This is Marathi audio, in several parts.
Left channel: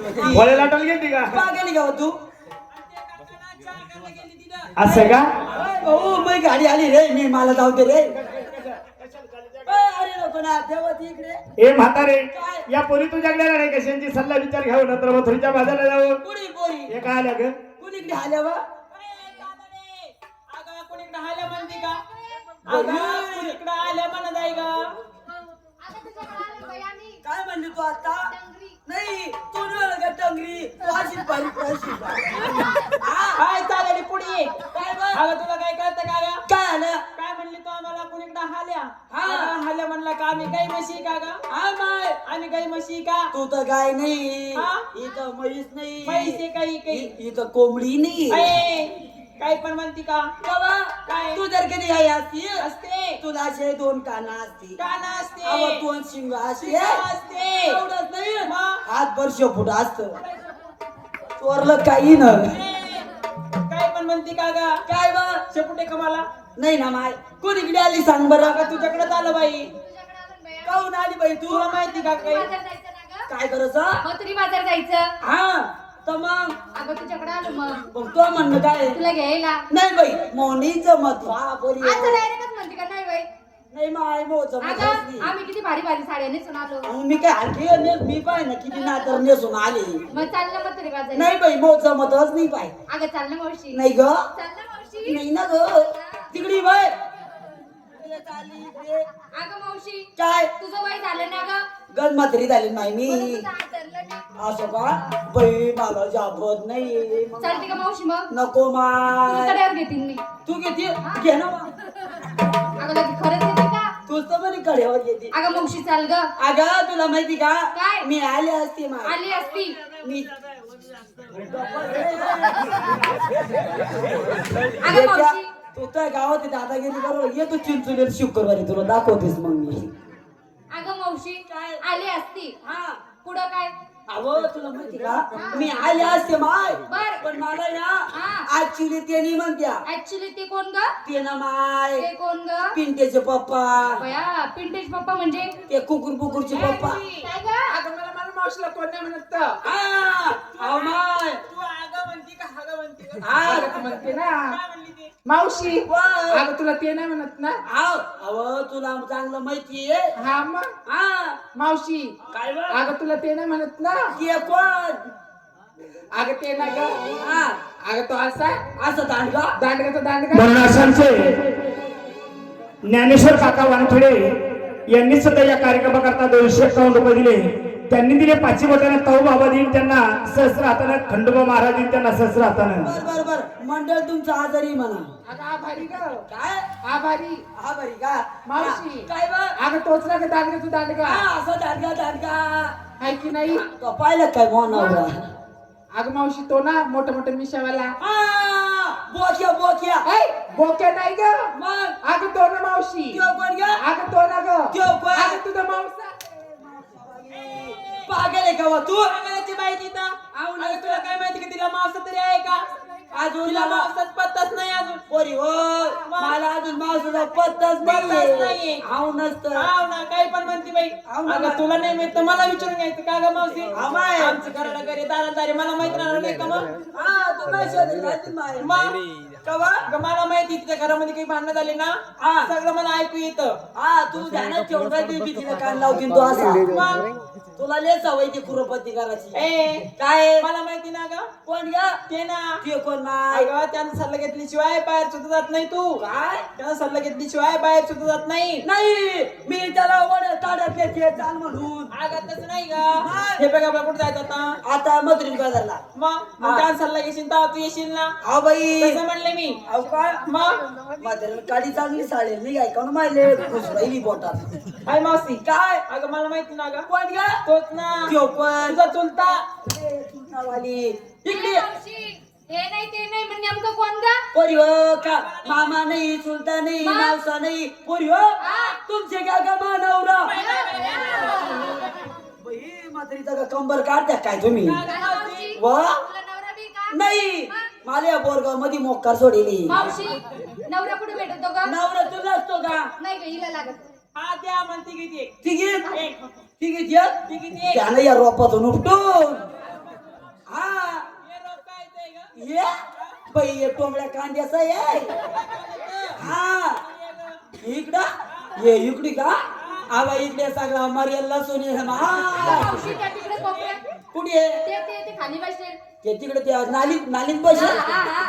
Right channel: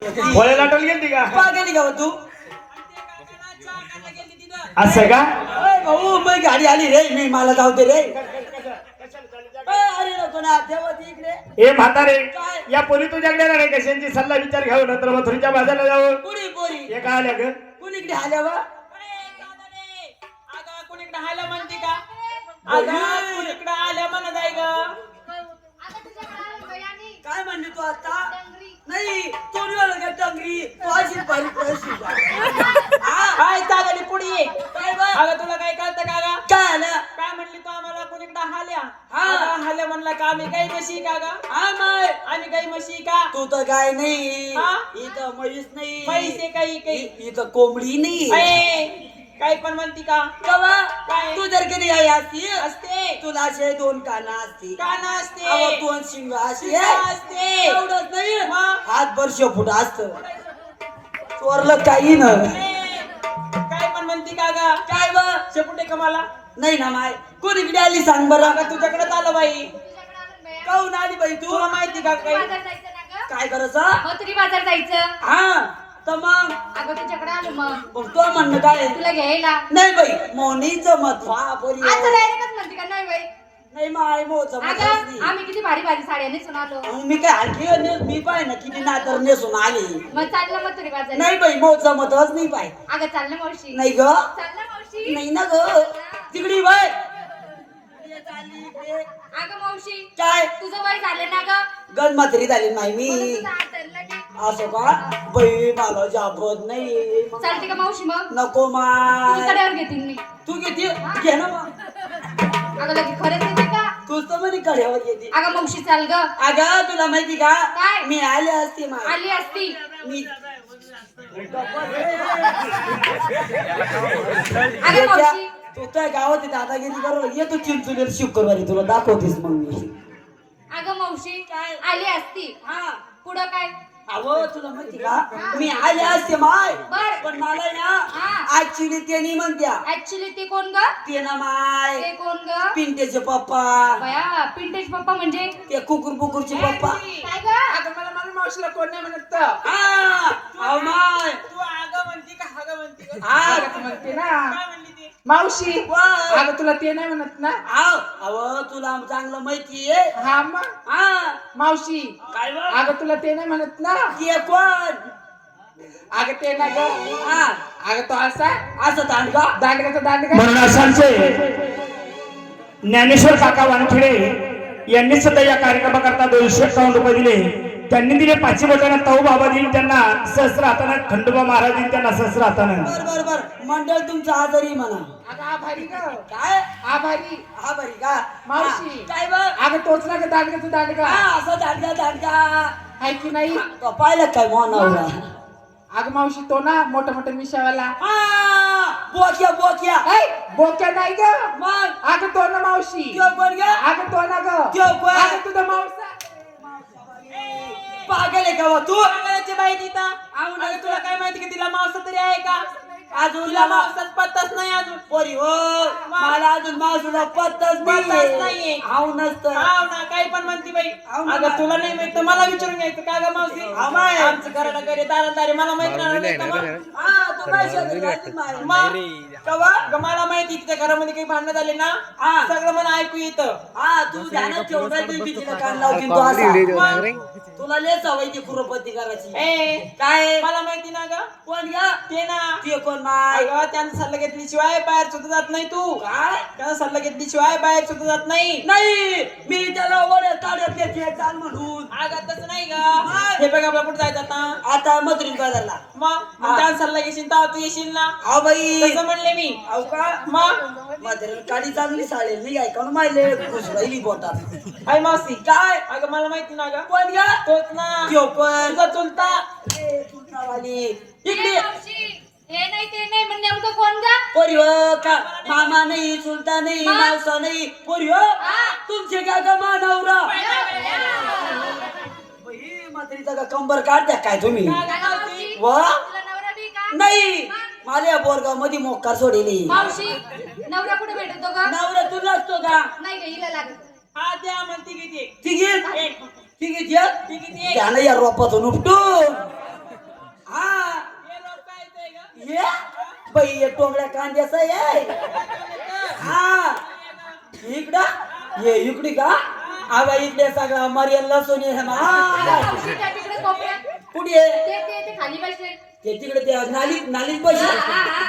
फळे लाटल गेली का गेली का तू असं का भाऊ मग गाडी आली रे मी मला जाऊ दे रे अरे नको ना देवती इकडे ए म्हातारे या पोरी तुझ्याकडे नाही कशांची सल्ला विचार घ्यावं नंतर मथुरीच्या बाजारला जाऊ पुरी पुरी हे काय आल्या ग कुणीकडे आल्या वा कुणीकडे आल्या म्हणते का कुणीकडे आल्या म्हणत आहे ग काय म्हणली तू आता नाही तो निघाला का टंगरी तू अशी बारीक प्रश्न काय चालली पुढे काय बा अगं तुला काय कळतं का ग काय आलं काय म्हणली तू आम्हाला कुणीकडे हाल्या हा. हाल्या म्हणला का आम्ही गाई म्हशी का ग हा माय आम्ही गाई म्हशी का तू तर गाय नाही हा? इथं म्हैस नाही पैसे काही काही इथं कोंबडी नाही अये, काही पण म्हणती का कवा काय? तू जर कधी आई असती असते तुला असे दोन काना असती कान अहो, असते दोन शिंग असते शिंग असते. एवढंच नाही मग? हात वर्ष फुट असत चोरलं काही ना काय पण म्हणती का ग काय बा शेपुटे का मला नाही ना माय कोणीकडे आली सांग बरं अगं तुझ्याकडे आलं बाई काहून आली बाई तू तुला माहिती का काही काय करायचं मथुरी बाजार जायचं हा तर मग अगं तुझ्याकडे आलो मग तो म्हणणं काय तुला घ्यायला नाही बाई मोनीचं मत वा पोरी आता डायरेक्टच म्हणते का नाही बाई नाही माय मोचं मत अगं आम्ही किती भारी भारी साड्या नेसून आलो मी काय हलकी मी पाय ना किती नातर नेसून आले मग चाललं मथुरी बाजार नाही बाई मोचं मतच नाही पाय अगं चाललं मावशी नाही ग चाललं मावशी नाही ना ग तिकडी बाय अगं मावशी काय तुझं वय झालं ना ग गण म्हातारी झाली नाही मी म्हणून तुझं हात धरलं नाही. असं का बाई मला जापत नाही चालते का मावशी मग नको तुझ्या माय कड्यावर घेतील मी तू किती घे ना मग. अगं लगे खरंच येते का तूच तर म्हणे कड्यावर घेते अगं मावशी चाल ग अगं तुला माहिती का काय? मी आले असते माय आली असती मी अगं मावशी तू त्या गावात दादागिरी बरोबर ये तू चिंचुलेर शुक्रवारी तुला दाखवतेस मग मी अगं मावशी काय? आली असती हा पुढं काय अहो तुला माहिती का मी आले असते माय बर. पण मला हा. ना ऍक्च्युली ते नाही म्हणत्या ऍक्च्युली ती कोण ग ते ना माय ते कोण ग पिंटेचे पप्पा बया पिंटेश पप्पा म्हणजे ते कुकुर बुकुरचे पप्पा काय ग अगं मला मला मावशीला कोण नाही म्हणत तर. हा अहो माय तू अगं म्हणती का हागं म्हणती का हा. अगं म्हणते ना काय म्हणली ती मावशी वा. अगं तुला ते नाही म्हणत ना हाव अहो तुला चांगलं माहिती आहे हा मग हा मावशी काय बा? अगं तुला ते नाही म्हणत ना ते कोण अगं ते ना ग हा अगं तो असा असं दांडगा दांडगाचा दांडगा म्हणून अशांचे ज्ञानेश्वर काका वानखेडे यांनी सुद्धा या कार्यक्रमाकरता 251 रुपये दिले त्यांनी दिले पाचशे वटाना ताऊ बाबा देईन त्यांना सहस्र हाताना खंडोबा महाराज देईन त्यांना सहस्र हाताना बर बर बर मंडळ तुमचं आजारी म्हणा अगं आभारी ग काय आभारी हा बरी का मावशी. हा, काय बा अगं तोच ना ग दांडगाचा दांडगा हा असं दांडगा दांडगा आहे की नाही तो पाहिलं काय मोनावरा अगं मावशी तो ना मोठा मोठा मिशावाला हा बोक्या बोक्या ऐ, बोक्या नाही ग मग अगं तो ना मावशी त्यो कोण ग अगं तो ना ग त्यो कोण? अगं तुझा मावसा पागल आहे का बा तू पागलाची बाई तिथं अगं तुला काय माहिती की तिला मावसा तरी आहे का अजून तिला मावसाच पत्ताच नाही अजून पोरी हो मला अजून मावसाचा पत्ताच पत्ताच नाहीये. हाव नसतं हाव ना काही पण म्हणती बाई हाव ना. अगं तुला नाही माहित तर मला विचारून घ्यायचं का ग मावशी आमाय. आमचं घराला घरी दारादारी मला माहित नाही का मग हा तू काय शोधत राहते माय मग कवा अगं मला माहिती की त्या घरामध्ये काही भांडणं झाले ना हा. सगळं मला ऐकू येतं हा तू ध्यानात ठेवून राहिली भीतीला कान लावतील तो असा तुला लय सवय ती कुरपती करायची ए काय मला माहिती ना ग कोण ग ते ना ते कोण माय अगं त्यांचा सल्ला घेतल्याशिवाय बाहेर सुद्धा जात नाही तू काय त्यांचा सल्ला घेतल्याशिवाय बाहेर सुद्धा जात नाही नाही मी त्याला ओढ्या ताड्यात येते चाल म्हणून अगं तसं नाही ग हे बघ आपला कुठं जायचं आता आता मधुरी बाजारला मग त्यांचा सल्ला घेशील तर तू येशील ना हा बाई तसं म्हणले मी अहो का मग म्हातारी काडी चांगली साडेल नाही काय कोण माहिले खुश राहिली बोटात आई मावशी काय अगं मला माहिती ना ग कोण ग तोच ना त्यो पण तुझा चुलता ए, तू नावाली इकडे ए, मावशी, हे नाही ते नाही म्हणजे नेमकं कोण ग पोरी हो का मामा नाही चुलता नाही मग? मावसा नाही पोरी हो तुमचे काय का मानवरा बाई म्हातारीचा का कंबर काढत्या काय तुम्ही काय मावशी वा तुला नवरा बी का नाही मला या बोरगाव मध्ये मोक्कार सोडेली मावशी नवरा कुठे भेटतो ग नवरा तुला असतो का नाही ग हिला लागत हा द्या म्हणते किती तिघीत तिघीत तिघीत त्यानं या रोपातून उपटून पै टोंगड्या कांद्याचं ये हा इकडं ये इकडे का आवा इकडे सगळा मर्याद लसूण आहे मावशी त्या तिकडे कोपऱ्यात. कुठे आहे? ते खाली बसले. ते तिकडे ते नालीत बसले हा, हा.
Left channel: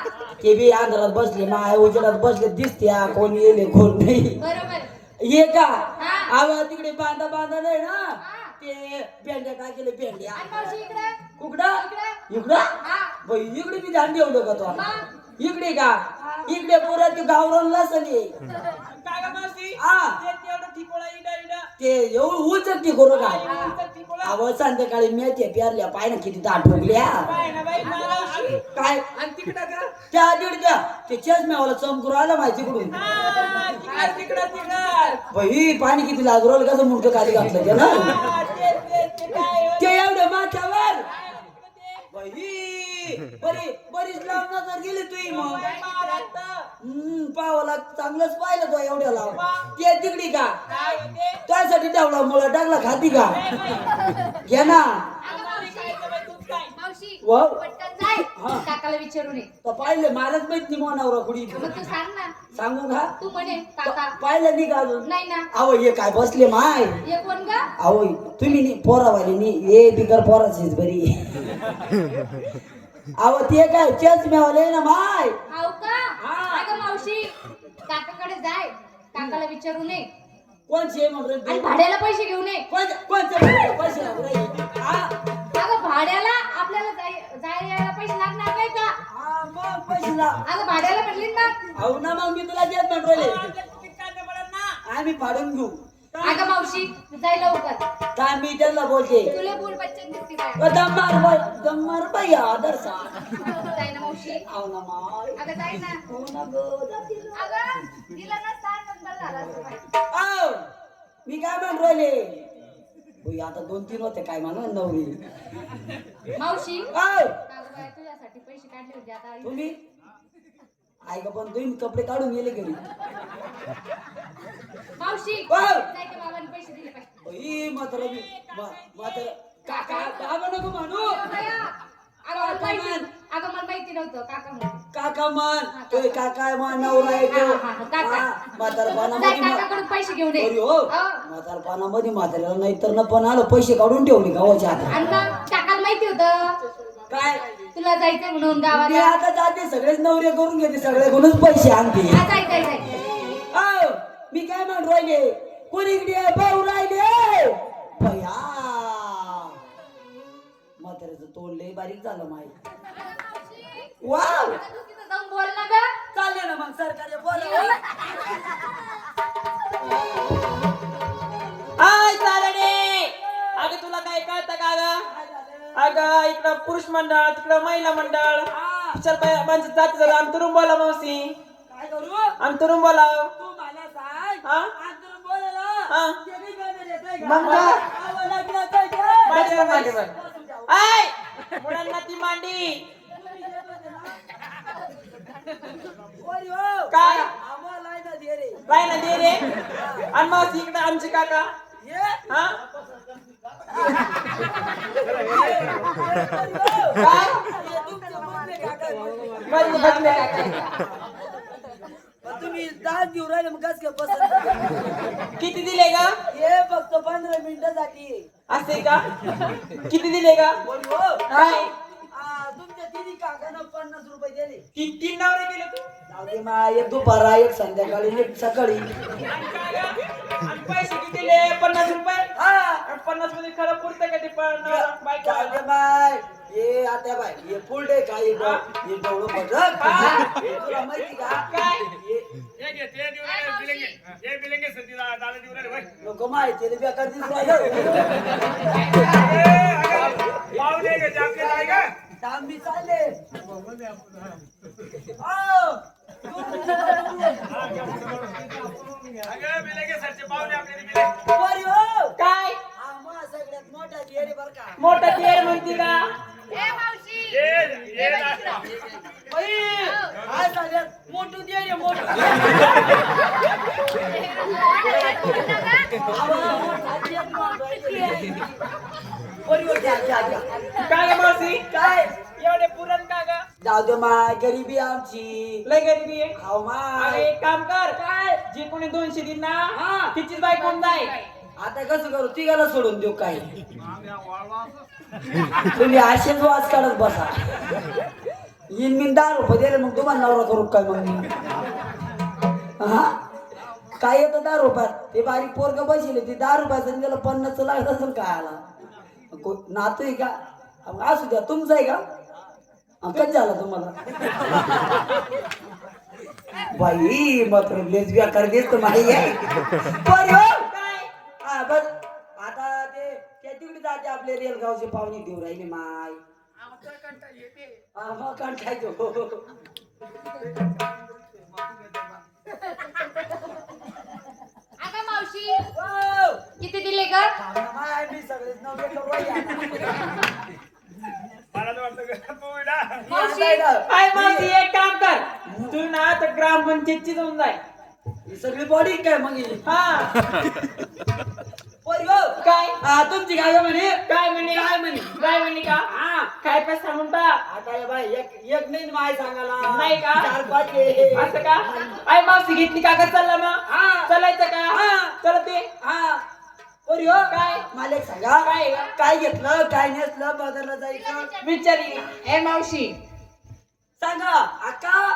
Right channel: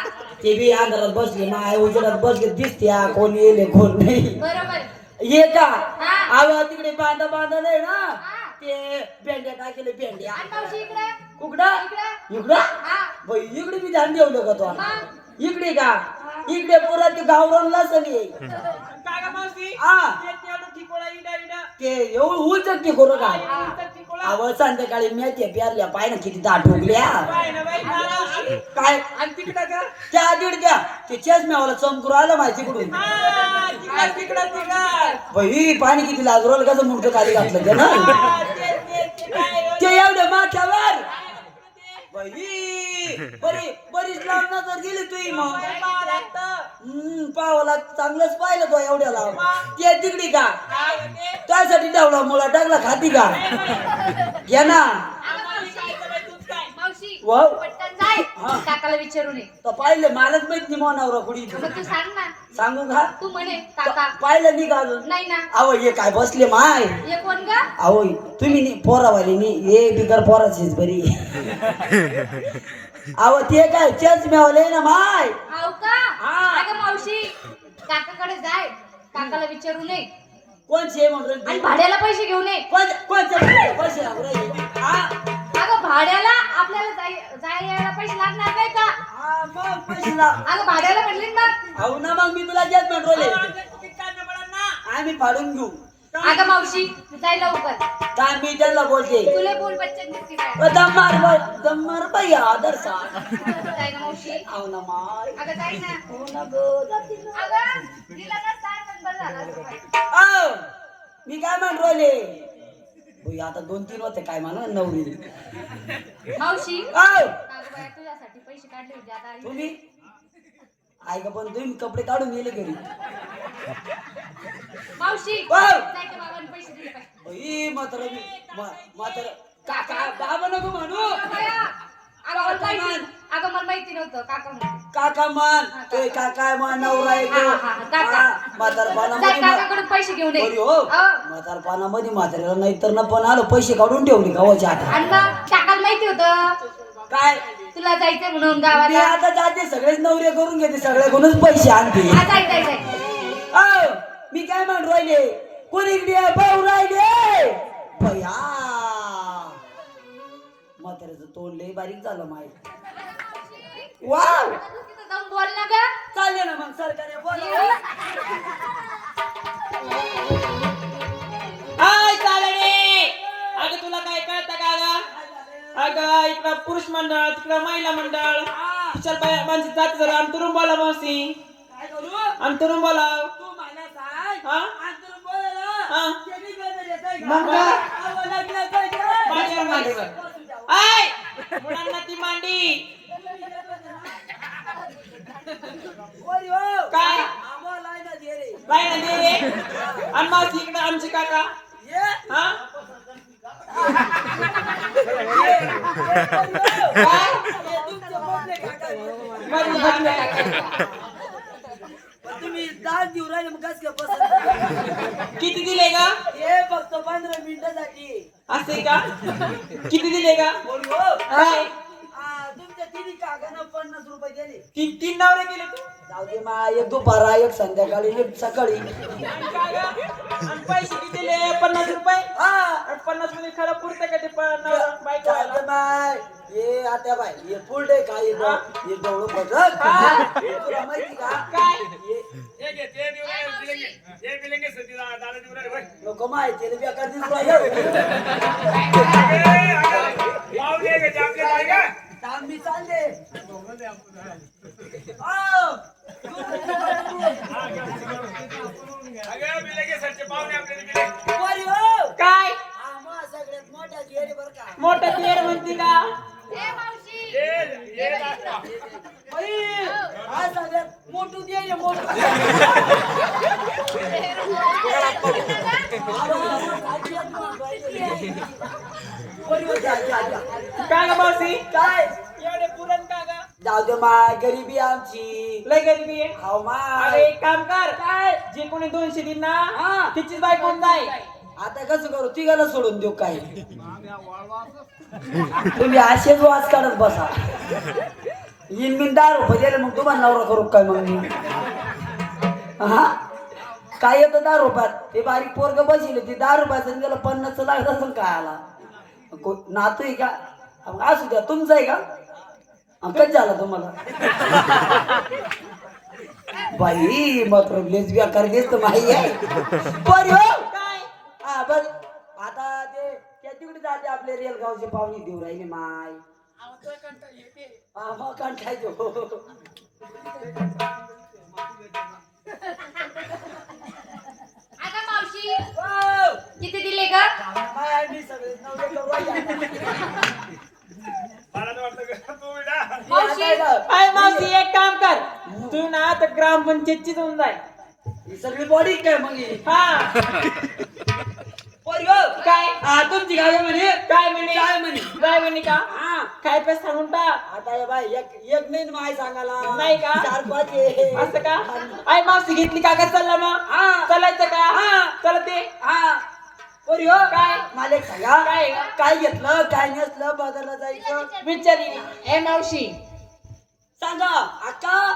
ते बी अंधारात बसले माय उजेडात बसले दिसत्या कोण येले कोण नाही बरोबर. ये का हा. आवा तिकडे बांधा नाही ना हा. ते भेंड्या टाकेले भेंड्या आणि मावशी इकडे. कुकडा इकडे. इकडं हा. बाई इकडे बी ध्यान देऊ का तो मग. इकडे का इकडे पोरा ते गावरान लसण आहे काय गं मावशी हा. ते तेवढं ठिकोळा इडा इडा ते एवढं उचक की करू का इडा ठिकोळा अव संध्याकाळी मेथ्या प्यारल्या पाय ना किती दाट उगल्या पाय ना बाई नाला काय आणि तिकडं का त्या दीड द्या ते चष्म्यावाला चमकू आलं माहिती कुठून हा, तिकडं बाई पाणी किती लागू राहिलं कसं मुडकं खाली घातलं ते ना हा, ते काय हो? ते एवढ्या माथ्यावर बाई बरीच लावून जर गेली तुही मग पावाला चांगलंच पाहिलं तो एवढ्याला ते तिकडी का काय होते? त्यासाठी डावला मला टाकला खाती का घ्या ना आम्हाला काय करायचं, तूच काय? मावशी वाव. पटकन जाय. हा. काकाला विचारून ये. तर पाहिलं मलाच माहित नाही मोनावर कुडी मग तू सांग ना. सांगू का तू म्हणे काका. पाहिलं नाही का अजून नाही ना. अहो हे काय बसले माय ये कोण ग? अहो तुम्ही नी पोरावाली नी हे बिगर पोराचीच बरी अहो ते काय चष्म्यावाले ना माय हाव का? हा. अगं मावशी काकाकडे जाय. काकाला विचारून ये. कोणचे म्हणून आणि भाड्याला पैसे घेऊन ये. कोणचे पैसे लागू राहिले हा अगं भाड्याला आपल्याला जाय यायला पैसे लागणार नाही का? हा, मग पैसे लाव अगं भाड्याला म्हणले ना मग. अहो ना मग मी तुला देत म्हणले काय पडा ना आम्ही फाडून घेऊ अगं मावशी जाय लवकर. का मी त्यांना बोलते तुला बोल बच्चन दिसती काय? दम्मार बाई आदर सा जाय ना मावशी. अहो ना माय अगं जाय ना. हो ना गं, जाते ना. अगं तिला ना सांग बरं झालं असं काय. अहो, मी काय म्हणून राहिले होय, आता 2-3 होते काय म्हणा नवरी मावशी अहो, अगं बाई, तुझ्यासाठी पैसे काढले होते आता आई. तुम्ही ऐक पण तुम्ही कपडे काढून गेले घरी मावशी वाव. जाय त्या बाबांनी पैसे दिले काय? म्हातार काका बाबा नको म्हणू अगं मला माहिती नव्हतं काका म्हणून. काका मान ते काका मान नवरा आहे तो. हा, हा, काका. हा, जाय म्हातारपणामध्ये काकाकडून पैसे घेऊन ये. बरी हो हा. म्हातारपणामध्ये म्हाताऱ्याला नाहीतर न पण आलं पैसे काढून ठेवले गावाच्या आता आणि मग काकाला माहिती होतं काय तुला जायचंय म्हणून मी गावाला. आता जाते सगळेच नवरे करून घेते सगळ्याकडूनच पैसे आणते हा, जाय जाय जाय. अहो, मी काय म्हणून राहिले कोणी इकडे पाहू राहिले भया म्हाताऱ्याचं तोंड लय बारीक झालं माहिती वाव तू तिथं जाऊन बोल ना ग. चालले ना मग सरकार बोला हाय चालणे अगं तुला काय कळतं का गं? अगं इकडं पुरुष मंडळ तिकडं महिला मंडळ चल बाई म्हणजे जात जरा अंतरून बोला मावशी काय करू अंतरून बोला तू मला सांग हा? अंतरून बोलायला हा. त्याने गजर येतंय का? मग काय? आवाज लागला काय काय? माझ्या मागे बघ. बसून जाऊ. ऐ मुलांना ती मांडी वरी हो. काय? आम्हाला आहे ना दे रे. काय ना दे रे आणि मावशी इकडं आमचे काका ये. हा हे तुमचं बदले काका. बरं, बसले काका. पण तुम्ही 10 दिवस राहिले मग कसं काय पसंत? किती दिले का हे फक्त 15 मिनिटासाठी असे का किती दिले का बोल हो. काय तुमच्या तिन्ही काकांना 50 रुपये दिले. तीन नवरे गेले तू जाऊ दे मा एक दुपारा एक संध्याकाळी एक सकाळी आणि काय गं? आणि पैसे किती दिले 50 रुपये हा 50 मध्ये खरं पुरतं का ते बाईक जाऊ दे बाय ये आता बाय ये फुल डे काय ये डोळं बघ हे तुला माहिती का काय नको माहिती बेकार दिसू राहिलं. मी चालले आओ. वरी हो. काय आम्हा सगळ्यात मोठा घेरे बर का मोठा तेर म्हणते का ए मावशी बाई, हा सगळ्यात मोठू दे मोठू का ग मावशी काय एवढे पुरण का ग जाऊ दे माय गरिबी आमची लय गरिबी आहे हाव अरे माय एक काम कर काय जे कोणी 200 दिन हा. ना तिचीच बाई कोण जाय आता कसं करू तिघाला सोडून देऊ काय तुम्ही असेच वाच काढत बसा इन मिन 10 रुपये दिले मग तुम्हाला नवरा करू काय मग मी हा काय येतं 10 रुपयात ते बारीक पोरग बसले ती 10 रुपयाचं गेलं 50 लागत असेल काय आला नातू आहे का मग असू द्या तुमचं आहे का कधी झालं तुम्हाला बाई मात्र लेस बेकार दिसत माही आहे बरं हो. काय हा बस आता ते त्या तिकडे जाते आपले रेलगावचे पाहुणे देऊ राहिले माय हा मग कंठायचो आता मावशी किती दिले ग मावशी काय मावशी एक काम कर तू ना आता ग्रामपंचायतची जाऊन जाय ही सगळी बॉडी काय मग ही? हा पोरी हो. काय तुमची काय म्हणे काय म्हणे काय म्हणे काय म्हणे का हा काय पण सांगून टाक आता हे बाई एक नाही माय सांगाला नाही का? 4-5 आहे. असं का आई मावशी घेतली का कर चालला मग हा चालायचं का हा. चलते हा पोरी हो काय? मला एक सांगा काय? काय घेतलं काय नेसलं बाजारला जायचं विचारी ए मावशी सांगा अक्का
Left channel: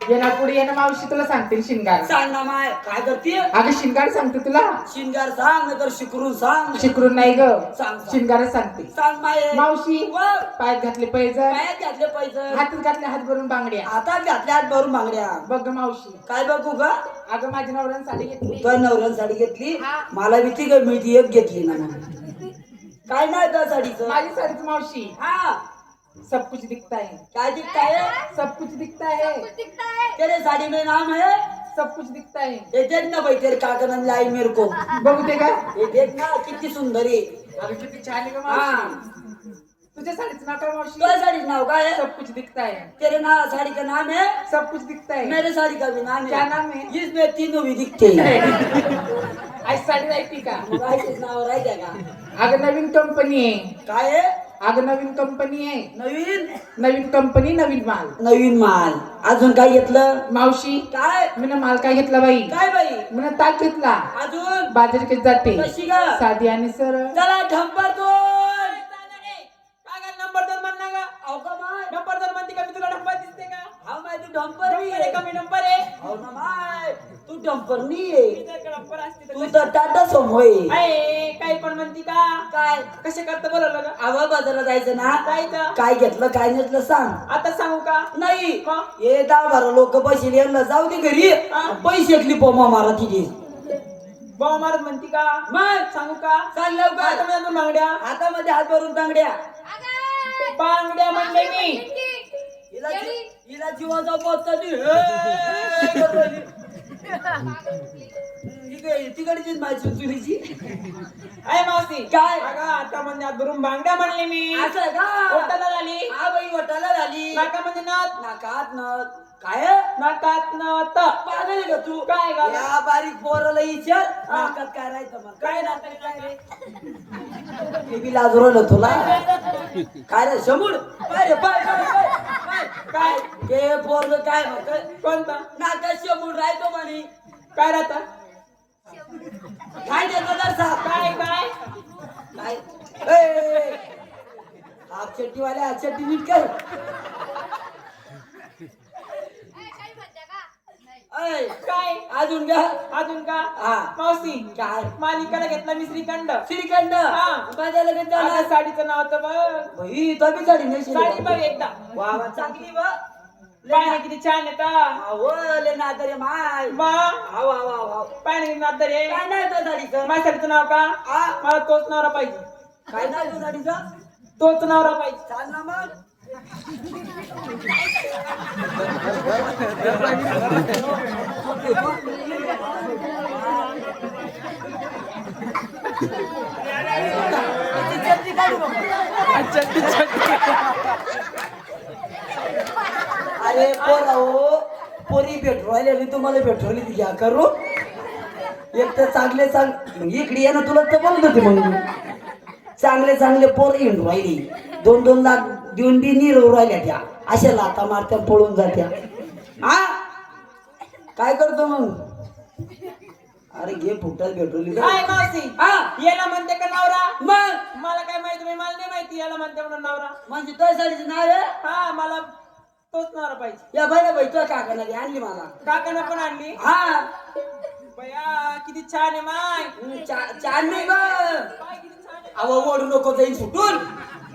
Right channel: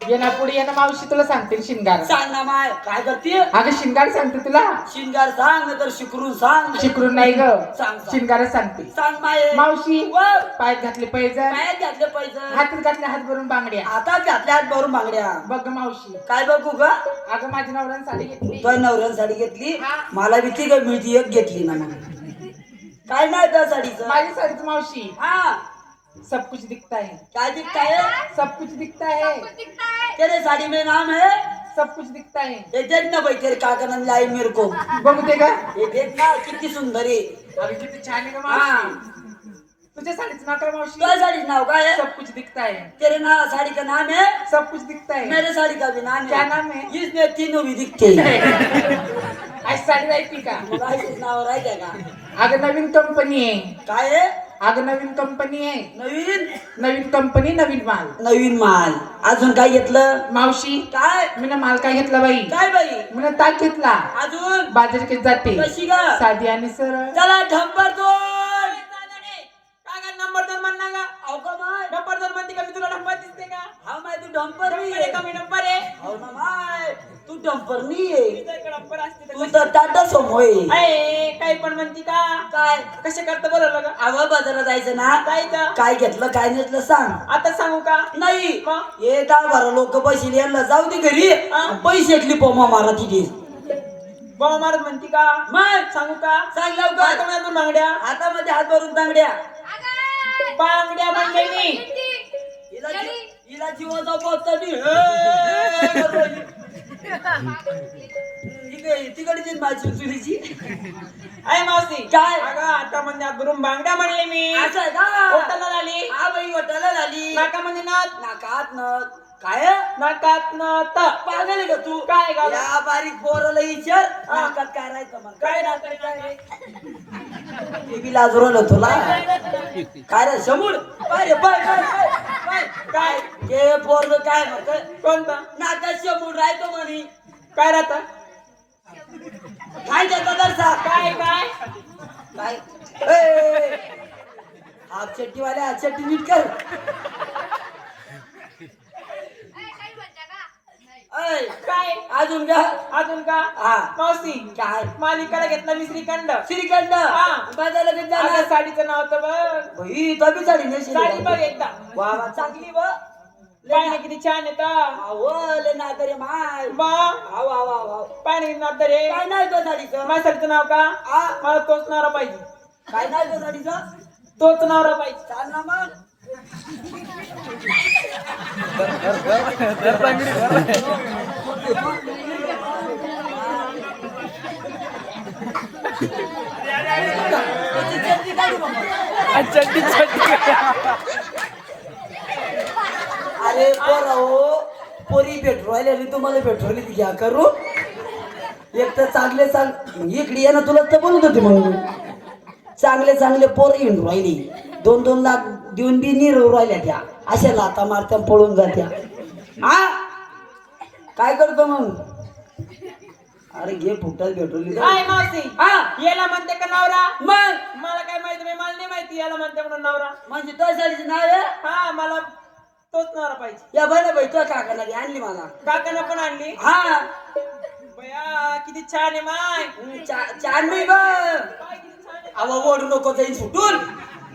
ये ना पुढे ये ना मावशी तुला सांगते शिंगार सांग ना माय काय करते अगं शिंगार सांगते तुला शिंगार सांग नाही तर शिकरून सांग शिकरून नाही ग सांग. शिंगार सांगते सांग माय मावशी व, पायात घातले पैजण पायात घातले पैसे हातात घातले हात भरून बांगड्या हातात घातल्या हात भरून बांगड्या बघ ग मावशी काय बघू ग अगं माझ्या नवऱ्याने साडी घेतली तो नवऱ्यानं साडी घेतली मला भीती ग मिळती एक घेतली ना मग काय नाही त्या साडीचं माझी साडीच मावशी हा सब कुछ दिखता है काय दिखता है सब कुछ दिखता है दिखता है तेरे साड़ी में नाम है सब कुछ दिखता है ये देख ना भाई तेरे काका ने लाई मेरे को बघू ते का ये देख ना किती सुंदर आहे अरे किती छान आहे ग हा मावशी तुझ्या साडीचं नाव काय मावशी तो साड़ी नाव काय है सब कुछ दिखता है तेरे ना साड़ी का नाम है सब कुछ दिखता है मेरे साड़ी का भी नाम क्या है नाम है इसमें तीनों भी दिखते हैं आज साडी राहते का मग असेच नाव राहते का अगं नवीन कंपनी आहे काय आहे अगं नवीन कंपनी आहे नवीन नवीन कंपनी नवीन माल नवीन माल अजून काय घेतलं मावशी काय मी माल काय घेतला बाई काय बाई मी ताक घेतला अजून बाजारकेत जाते कशी ग साधी आणि सरळ चला ढंपर दोन काय नंबर दोन म्हण ना गा अहो का माय नंबर दोन म्हणते का मी तुला नंबर दिसते का हा माय तू ढंपर नंबर आहे का मी नंबर आहे हो ना माय तू ढंपर नाही आहे तुझ्याकडे नंबर असते तू तर टाटा सोमोय अरे काही पण म्हणती का काय कसे करता बोलवलं का आवा बाजारात जायचं ना जायचं काय घेतलं काय नेसलं सांग आता सांगू का नाही मग? हे 10-12 लोक पैसे यांना जाऊ दे घरी हा. पैशातली पोमा मारा तिथे बाबा मारत म्हणती का मग सांगू का सांग लवकर हातामध्ये दोन बांगड्या हातामध्ये हात भरून बांगड्या अगं बांगड्या म्हणले मी हिला हिला जीवाचा पत्ता तिकडची माझी चुलीची अय मावशी काय? अगं हातामध्ये हात भरून बांगड्या म्हणले मी असं आहे का ओटाला झाली हा बाई वटाला झाली नाकामध्ये नात नाकात नथ काय आहे? नाकात नात पागल आहे का तू काय गं? या बारीक पोराला विचार नाकात काय राहायचं मग काय नात रे नाकात? ते बी लाजरवलं तुला काय रे समूळ पाय रे पाय पाय पाय पाय काय ते पोरग काय म्हणत कोणता नाकात समूळ राहतो म्हणे काय राहता काय त्याचा दर्शा काय काय काय हाफ चट्टीवाले हाफ चट्टी नीट कर काही म्हणता का नाही. ऐ, काय अजून का अजून का हा मावशी काय मालिकाला घेतला मी श्रीखंड श्रीखंड हा. बाजारला कधी आता झाला साडीचं नाव तर बघ ही तो बी साडी नाही साडी बघ एकदा वा वा चांगली वा पाहिजे किती छान येतं ले नादरे माय बा हा वा वा वा पाहिजे किती नात रे काय नाही त्या साडीचं माझ्या साडीचं नाव का हा मला तोच नवरा पाहिजे काय नाही त्या साडीचं तोच नवरा पाहिजे चाल ना मग अरे पोरा हो पोरी पेट्रोल तुम्हाला पेट्रोल घ्या करू एक तर चांगले इकडे ये ना तुला तर बोलत होते मग चांगले पोर येऊन राहिली 2-2 लाख देऊन बी निरव राहिल्या त्या अशा लाता मारत्या पळून जात्या हा काय करतो मग अरे घे फुटल भेटवली काय मावशी हा याला म्हणते का नवरा मग मला काय माहिती बाई, मला नाही माहिती याला म्हणते म्हणून नवरा. म्हणजे तो साडीचे नाव आहे हा मला तोच नवरा पाहिजे. या बरं बाई तो काकाला घे, आणली मला काकानं पण आणली. हा बया किती छान आहे माय. छान नाही बा पाय किती छान आहे. अहो ओढू नको जाईल सुटून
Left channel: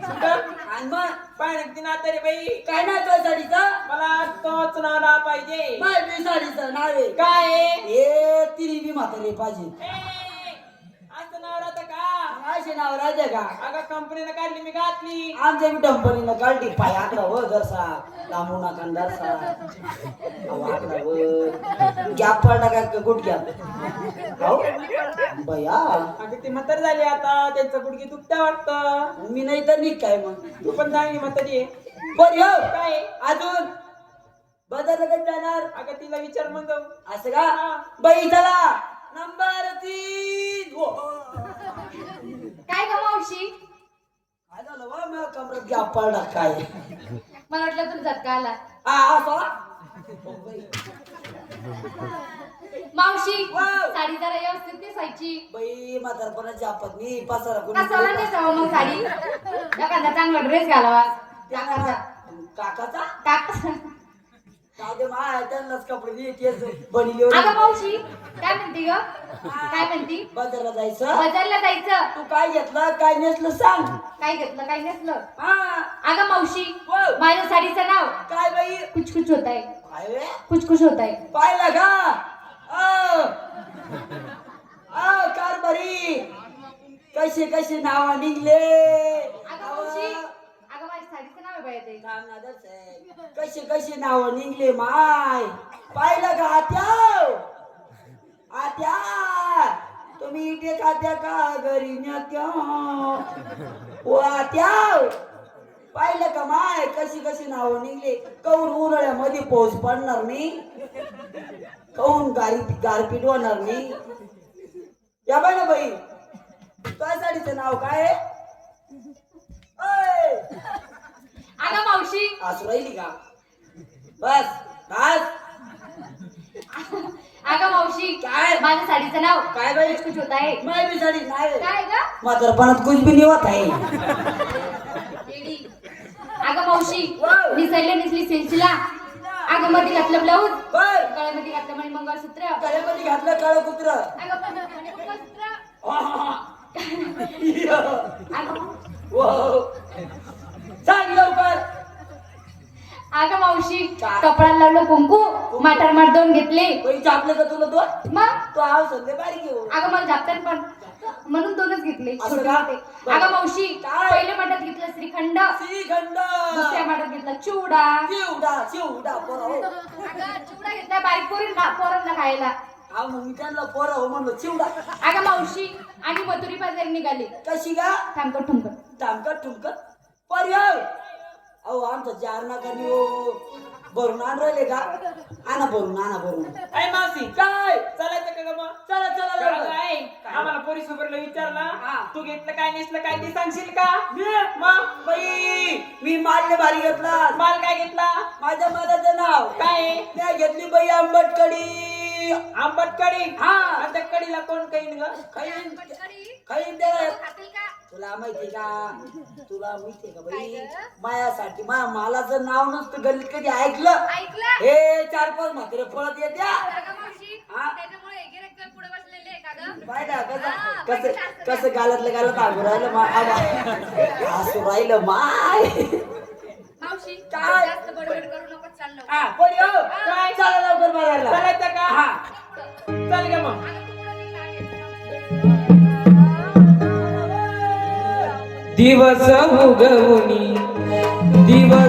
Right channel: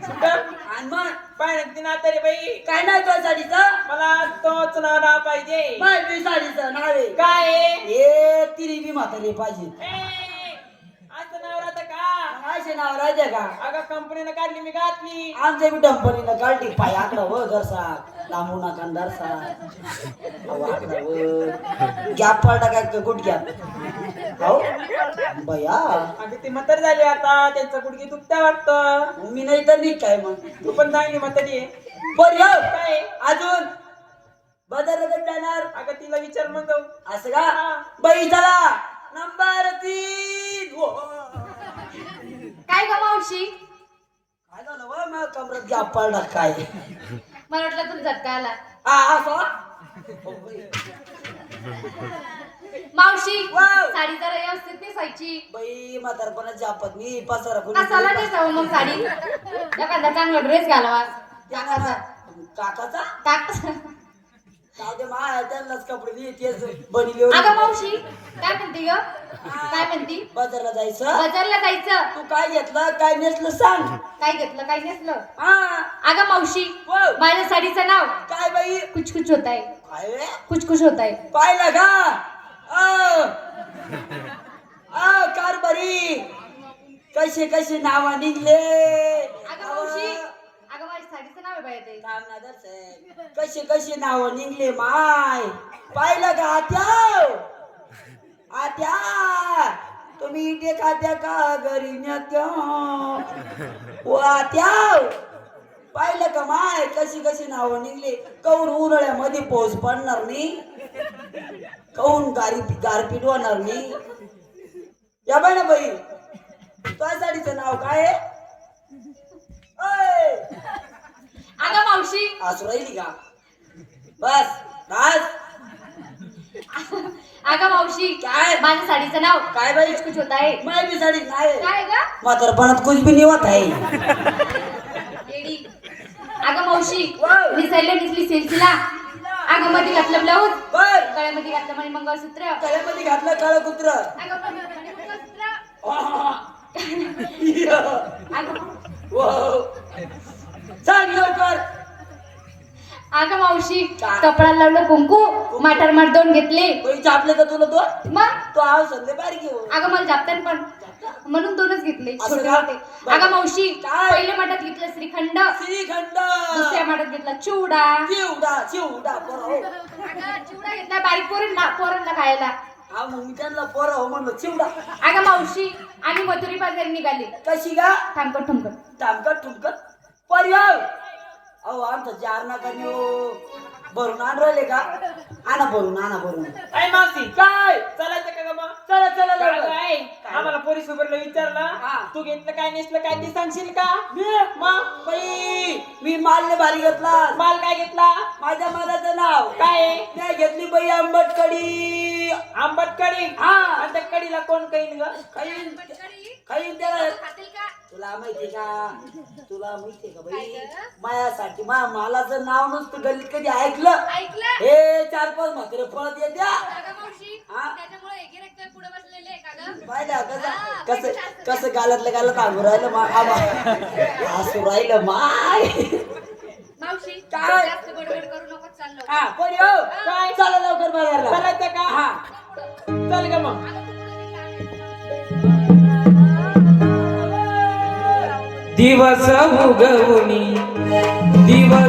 कुठं? आणि मग पाय ना किती नातं रे बाई. काय नाव तो साडीचं मला तोच नवरा पाहिजे. माय बी साडीचं नाव आहे काय आहे? हे तिरी बी म्हातारी पाहिजे ए, असं नवरा तर का असे नाव राहते का अगं कंपनीनं काढली मी घातली. आमच्या बी डंपरीनं काढली पाय आकडा हो जरसा लांबू नका जरसा आकडा व गॅप पडला का गुडघ्यात हो बया अगं ती म्हातारी झाली आता, त्यांचं गुडघे दुखत्या वाटतं. मी नाही तर मी काय मग तू पण चांगली म्हातारी आहे. बर येऊ काय अजून बदल जाणार अगं तिला विचार मग जाऊ. असं का हा. बाई चला नंबर 3 काय ग मावशी काय झालं वा मग कमरत गॅप पडला काय मला वाटलं तुला झटका आला. हा असं मावशी वाव. साडी जरा व्यवस्थित नेसायची. बाई म्हातारपणाची आपत मी पसारा कसाला कोणी नेसावं मग साडी? एखादा चांगला ड्रेस घालावा. काकाचा का काय ते मा त्यांनाच कपडे देतेच बनली अगं मावशी काय म्हणते ग? काय म्हणती? बाजारला जायचं बाजारला जायचं. तू काय घेतलं काय नेसलं सांग काय घेतलं काय नेसलं? हा अगं मावशी वाव. माझ्या साडीचं नाव काय बाई कुछ कुछ होत आहे. काय रे कुछ कुछ होत आहे. पाहिलं का कारभारी कसे कसे नाव निघले अगं मावशी अगं माझ्या साडीचं नाव आहे बाई ते. कसे कसे नाव निघले माय पाहिलं का आत्या आत्या तुम्ही इथे खात्या का घरी नेत्या ओ आत्या पाहिलं का माय कशी कशी नाव निघले कौन उन्हाळ्यामध्ये पाऊस पडणार नाही कौन गारपीट होणार नाही या बाई ना बाई तुझ्या साडीचं नाव काय आहे ओय! अगं मावशी हसू राहिली का बस बस अगं मावशी काय? माझ्या साडीचं नाव काय बाई कुछ कुछ होत आहे. माय बी साडी नाही काय ग? म्हातारपणात कुछ बी निवत आहे येडी. अगं मावशी वाव. निसरले निसली सिलसिला. अगं मध्ये घातलं ब्लाऊज. बर गळ्यामध्ये घातलं म्हणे मंगळसूत्र. गळ्यामध्ये घातलं काळं कुत्र अगं म्हणे मंगळसूत्र. अगं सांग लवकर अगं मावशी काय? कपड्याला लावलं कुंकू माटार मार दोन घेतले. पैसे आपले का तुला दोन मग तो आव संदे बारी घेऊ अगं मला जापतात पण म्हणून दोनच घेतले. असं छोटे का? होते. अगं मावशी काय? पहिल्या माठात घेतलं श्रीखंड. श्रीखंड दुसऱ्या माठात घेतला चिवडा. चिवडा पोरा हो अगं चिवडा घेतला बारीक पोरांना खायला. हा मग मी त्यांना पोरा हो म्हणलं चिवडा अगं मावशी आणि मथुरी बाजार निघाली. कशी का थांबकट ठुमकट. टामकत ठुमकत पर्याय अहो आमचं जार नका नेऊ भरून आण राहिले का आणा भरून काय मावशी काय चालायचं का ग मग? चला चला काय लवकर. काय? आम्हाला पोलीस उभरला हा. विचारलं तू घेतलं काय नेसलं काय ते सांगशील का? मी मग बाई मी माल्य भारी घेतला माल काय घेतला? माझ्या माझं नाव काय? मी घेतली बाई आंबट कडी आंबट कढी. हा. आणि त्या कढीला कोण कळीन ग? खाईन खाईन त्याला खातील का? तुला माहिती का बाई काय ग? माझ्यासाठी मालाचं नाव नसतं गल्लीत कधी ऐकलं ऐकलं? हे 4-5 म्हातारे पळत येत्या अगं मावशी हा? त्याच्यामुळे हे गिऱ्हाईक काय पुढे बसलेले आहे का ग? पाहिलं हा, कसं बघितलं कसं असतं कसं गालातलं गालात आणू राहिलं राहिलं माय मावशी काय? जास्त बडबड करू नको चाललो. हा कोणी हो काय? चला लवकर बाजारला चालायचं का? हा चल ग मग. अगं तू पुढे निघ मागे. दिवस उगवणी दिवस